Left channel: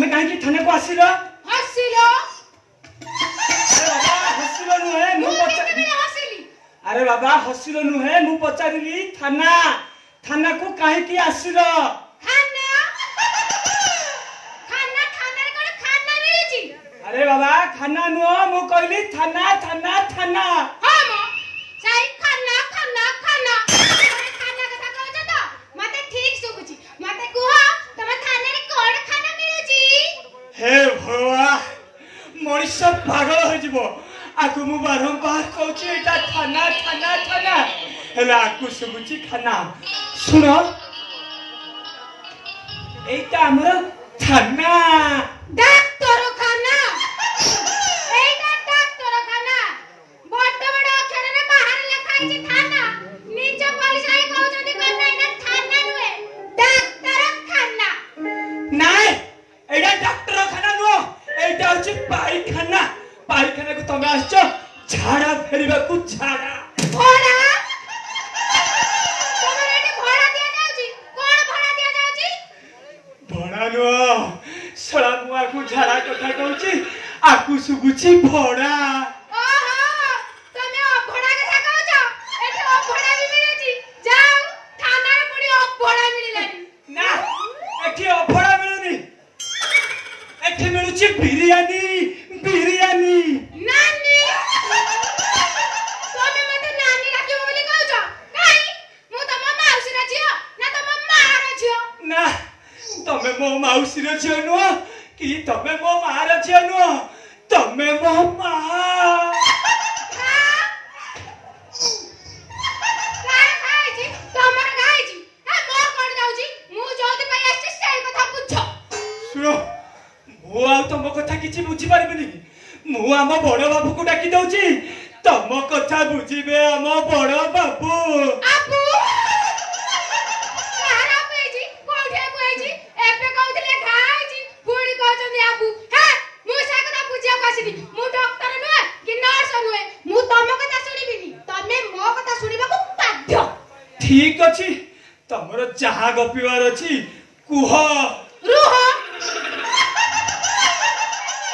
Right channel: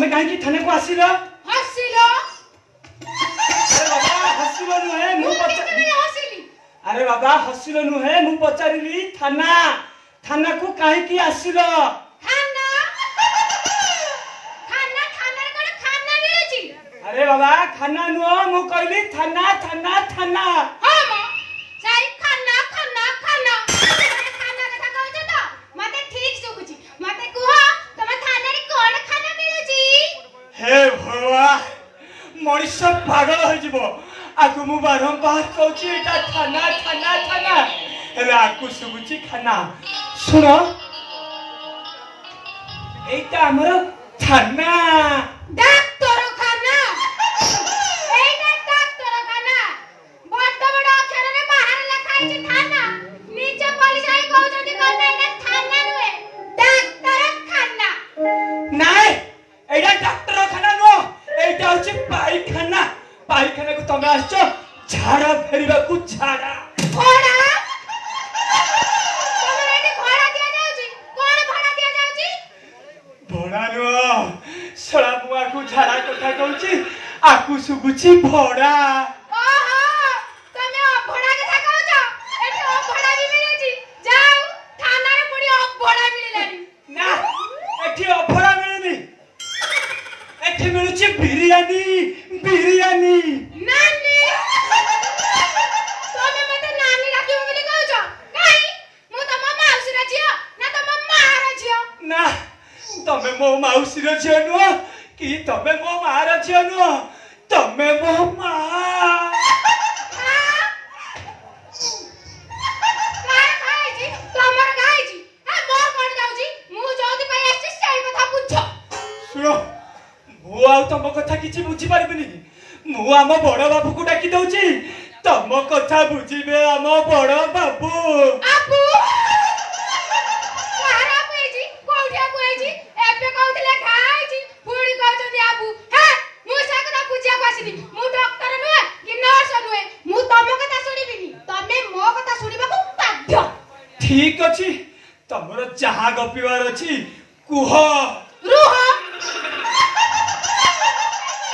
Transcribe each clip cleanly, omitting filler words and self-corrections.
तमे कहीं थाने को आसिल हसिलो अरे बाबा हसिल नुहे मु हसिली अरे बाबा हसिल नुहे मु पचारिली थाना थाना को कहीं की आसिल खाना खाना खाना रे कोन खाना मिलुची अरे बाबा खाना नुह मु कहली थाना थाना थाना हां म साई खाना खाना खाना खाना कथा कहछ त मते ठीक सुकुची मते कुह तमे थाना रे कोन खाना मिलुची हे भगवान मनीष पागल हो जीवो आकु मु बारंबार कहूची एटा थाना थाना थाना हेले आकु सुबुची खाना सुनो एटा हमर थाना डाक्टर खाना एटा डाक्टर खाना बड़ बड़ अक्षर रे बाहर लिखा है थाना नीचे पुलिस आई कहउछथि कोन ना थाना नुए डाक्टर खाना नाय एटा डॉक्टर खाना नो एटा होची पाइखाना पाइखाना को तमे आछो झाड़ा फेरिबा को झाड़ा घोड़ा तमे रेडी घोड़ा दिया जाउची कोन घोड़ा दिया जाउची भड़ा नो सळा मुआ को झाड़ा कथा कहूची आकु सुबुची भड़ा ओहो तमे अभड़ा कथा कहउछ एटा अभड़ा भी मिलुची जाऊ थाना रे पुडी अभड़ा मिललानी ना एठी अभड़ा मिलुनी एठी मिलुची बिरयानी बिरयानी नानी तमे मते नानी राखिबो बोली कहउछ काई मु तम माउसी रा झियो ना तम मा रा झियो ना तमे मो माउसी रो झियो नुह कि तमे मो मा रो झियो नुह तमे मो मा कार खाइजी तमर खाइजी आ मोर कोन जाउची मु जोदी पाई आछि सेई कथा बुझ सुनो मु आउ तम कथा किछि बुझी पारबिनी मु आम बड़ बाबू को डाकी दउची तम कथा बुझिबे आम बड़ बाबू आपु कारा पेजी कोठिया कोइजी एबे कहउतले खाइजी पुडी कहउछनी आपु हे मु से कथा बुझिया आसिनी मु डॉक्टर नुए कि नर्स नुए मु तम कथा सुनिबिनी तमे मो कथा सुनिबा को बाध्य ठीक अछि तमरो जहा गपिवार अछि कुह रुह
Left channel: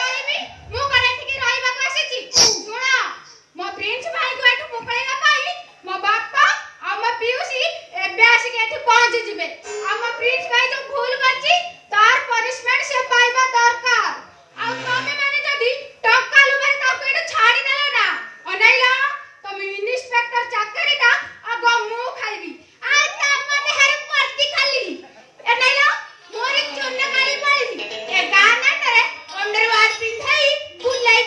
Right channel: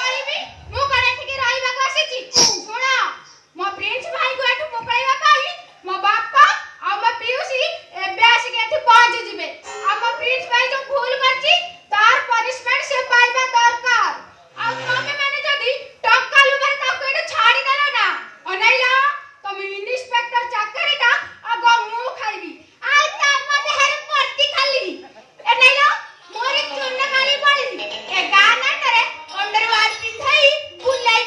आइबी मु करे ठीक राइबा को आसीची सुना मो प्रिंस भाई को एठु मुकैबा पाई मो बापा आ मो पियुसी एबे आसी के एठु पहुंच जिबे आ मो प्रिंस भाई जो भूल करची तार पनिशमेंट से पाइबा दरकार आ तमे माने जदी टक्का लुबारे ताको एठु छाड़ी देलो ना अनैला तमे इंस्पेक्टर चाकरीटा आगो मु खाइबी आ तमे देहर परती खाली एनैला मोरी चुन्न काली पड़ी ए गाना करे अंडरवेयर पिंधाई बुलाई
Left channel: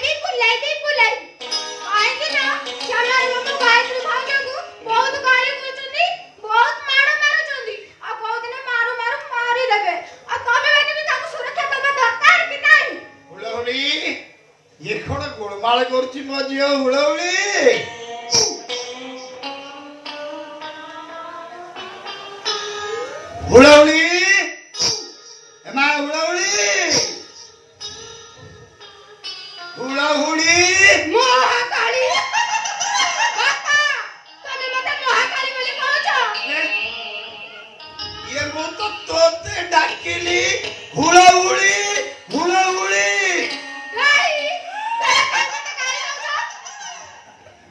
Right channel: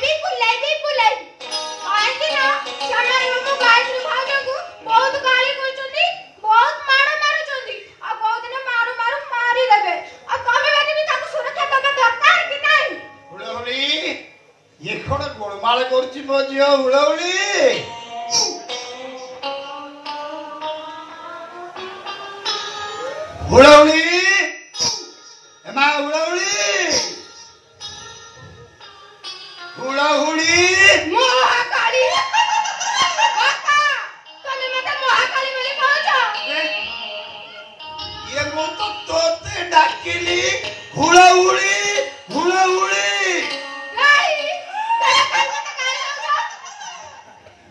आई कि ना चला मु गायत्री भाजंगु बहुत गाली करचंदी बहुत मारो मारुचंदी आ बहुत दिन मारू मारू मारी देबे आ तमे बेनी ताको सुरक्षा दबा दरकार कि नहीं हुळहुळी ये कोण गोळमाळ करची मो जियो हुळहुळी हुळहुळी एमा हुळहुळी हुळहुळी महाकाली बापा तमे मते महाकाली बोली कहउछ ये मो तो तोते डाकिली हुळहुळी हुळहुळी नाही तमे मते काली कहउछ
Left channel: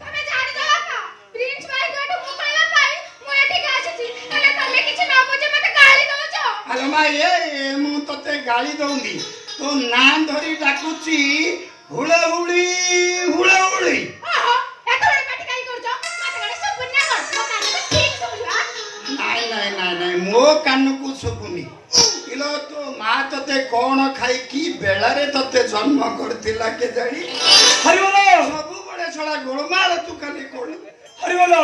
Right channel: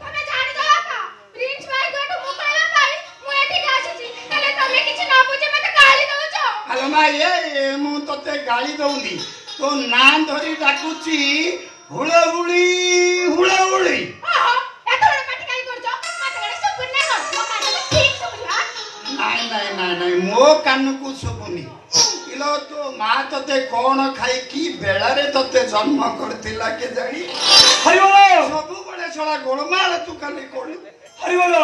तमे जानि दो का प्रिंस भाई को मुकैबा पाई मु एठी आसीची तले तमे किछ ना बुझे मते गाली कहउछ आलो मा ये मु तोते गाली दउनी तो ना धरी डाकुची हुळहुळी हुळहुळी आहा एतो बडे पाटी काई करछ मते गडे सुपुन ना कर मो कान ठीक सुबुला नाई नाई नाई नाई मो कान को सुपुनी इलो तो मा तोते कोण खाई की बेला रे तोते जन्म करथिला के जानी हरिओलो सब बडे छडा गोळमाळ तू काले कोण हरिओलो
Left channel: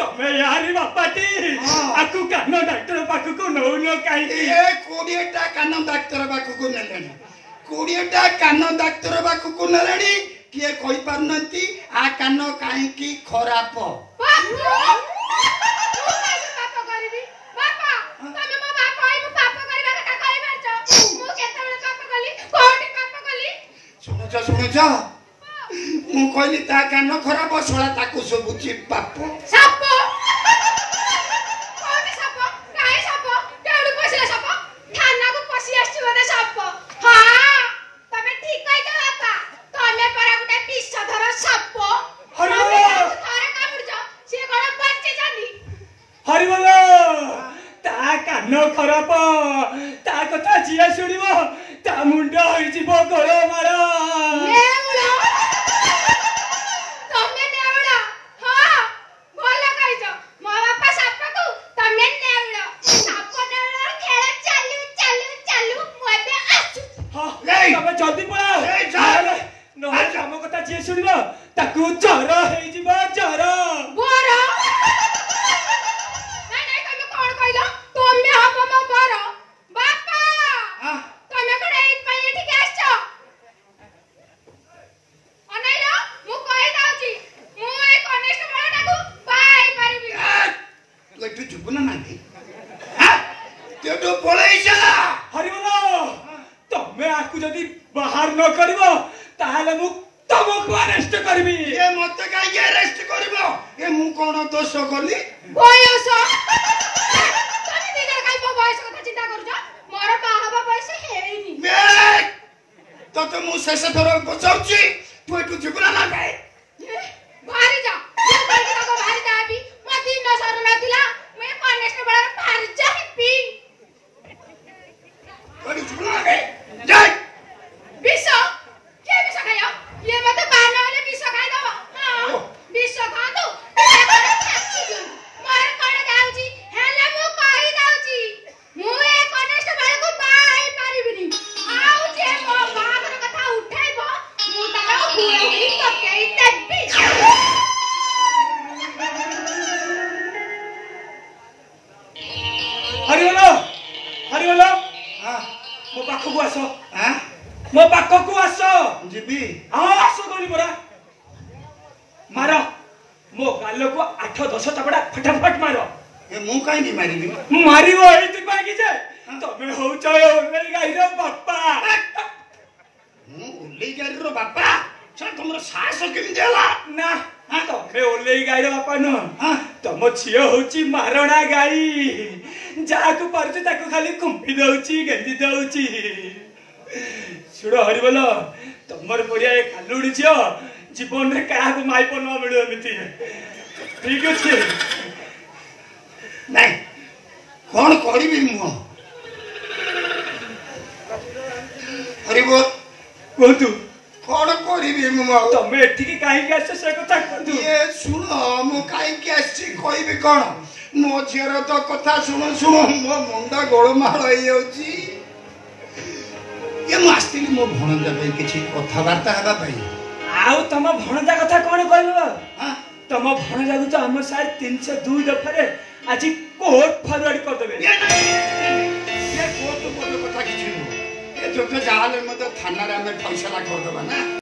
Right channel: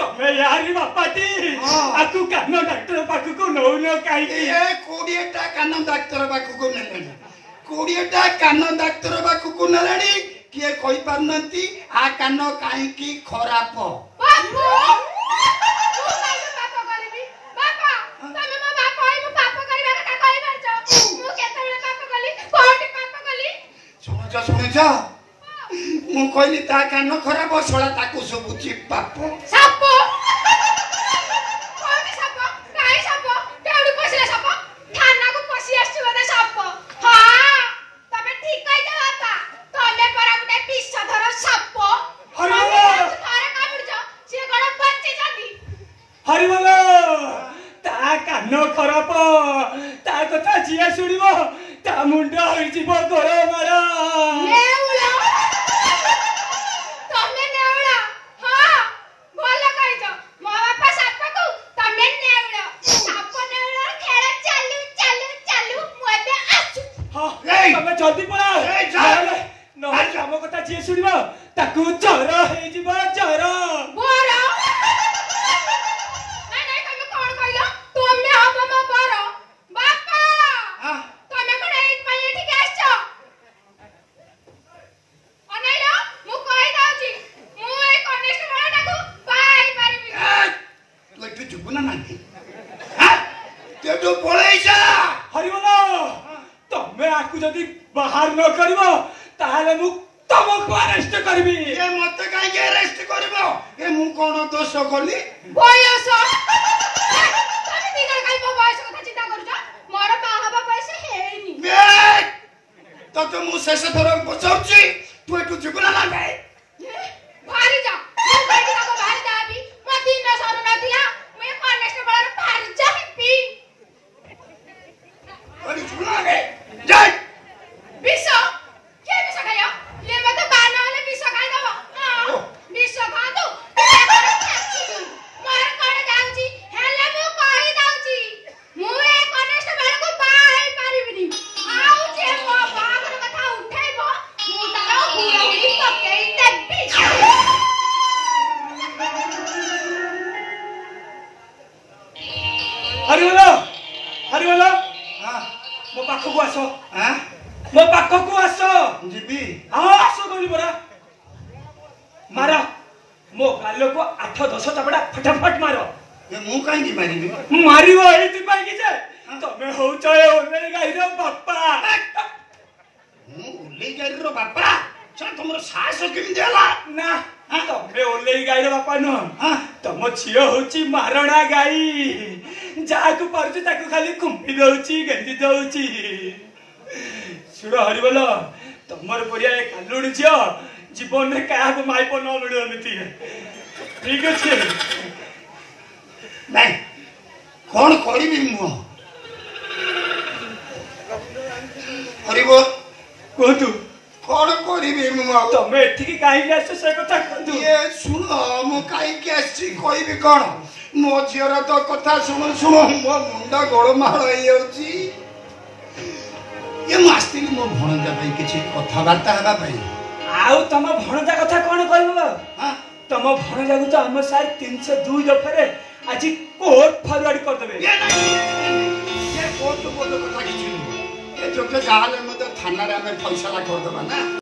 तमे यारी बापाटी हाँ। आकु कानो डॉक्टर पाखु को नौ न काई ए कोडिएटा कान डाक्टर बाकु को नेलेनी कोडिएटा कान डाक्टर बाकु को नेलेनी किए कहि पारनंती आ कान काई की खराब बापू तू काई पाप करबी बापा तमे मो बापा आई मो पाप करबा कथा कहि परछ मु केते पाप कली कोठी पाप कली सुनुच मु कहली ता कान खराब सळा ताकू सबुची पाप साप कोठी साप काई साप केडु पसिला साप थाना को पसि आछी मते साप हां हरिबोल ता कान खराब ता कथा जिए शुणिब ता मुंड होइजिब गोरमार नेउला तमे नेउला हां बोला कहिज मो बापा साप को तमे नेउला साप नेउला खेळ चालू चालू चालू मु एबे आछु हां ए तमे जल्दी पळा ए जा नहे हम कथा जिए शुणिब ताकू जर होइजिब जर बोरा नहीं नहीं तमे कोन कहिलो तमे हब म बोरा बापा हां तमे कोन एक पाए ठीक आछो अनैलो मु कहि दाउची मु ए कनिष्ठ बळटाकू बाई पारिबी लट्टू जुबना नाही हां तेटू पळेई जा हरिबोल तमे आकू जदी बाहर न करिवो ताले मु तमको अरेस्ट करबी ए मते काई अरेस्ट करबो ए मु कोन दोष कली बयस तमे दिदर काई बयस कथा चिंता करूछ मोर बाहाबा बयस हेइनी बे तो मु शेष थर पचाउची तू एटू जुबना ना गाय भारी जा मु कहि ताको भारी जाबी म दिन सर नथिला मु कनिष्ठ बळर भारी जाबी अरे जुबना गाय जाय विष के विष खायो ये में तो बाना वाले विष खाइ दबो हां विष खा दो मार कोन जाउची हेले मु कहि दाउची मु ए कनिष्ठ बळ को बाई पारिबिनी आउ जे मो बागर कथा उठाइबो मु तारा हुए हुई पकेई देबी हरिबोल हां मो पाखकू आस हां मो पाखकू आस जीबी हां आस बोली बरा मार मो गालो को 8-10 चपड़ा फटाफट मारो ए मु काई नी मारिबी मारिबो एई तू पागी जे तमे होउछ ओले गाइरो बाप्पा मु उल्ले जारी रो बापा छ तुमरो साहस केमि देला ना तमे ओले गाइरो बाप्पा न हां तम छियो होची मारणा गाई जाकू परछ ताकू खाली कुंपी दउची गंजी दउची सुड़ो हरिबोल तमर परिया ए कालुडी छियो जीवन रे काहाको माइप न मिलु एमिति ठीक अछि नहीं कौन करिबी मु हरिबोल कोतु कौन करिबी मु तमे एठिकी काहे आछ से कथा कोतु ये सुनो मु काई के आछि कहिबी कोन मो झियर तो कथा सुनो सुनो मो मुंडा गोळमाळ होई जाउची ये मास्ती मो भणजा पई किछि कथा बार्ता हेबा पई आउ तम भणजा कथा कोन कहबो हां तम भणजा को तो हमर साथ 302 दफरे आज कोर्ट फॉरवर्ड कर देबे ये कोर्ट मोटो कथा किछि ए जो तो जाले मते थाना रे हमें फैसला कर देबा ना।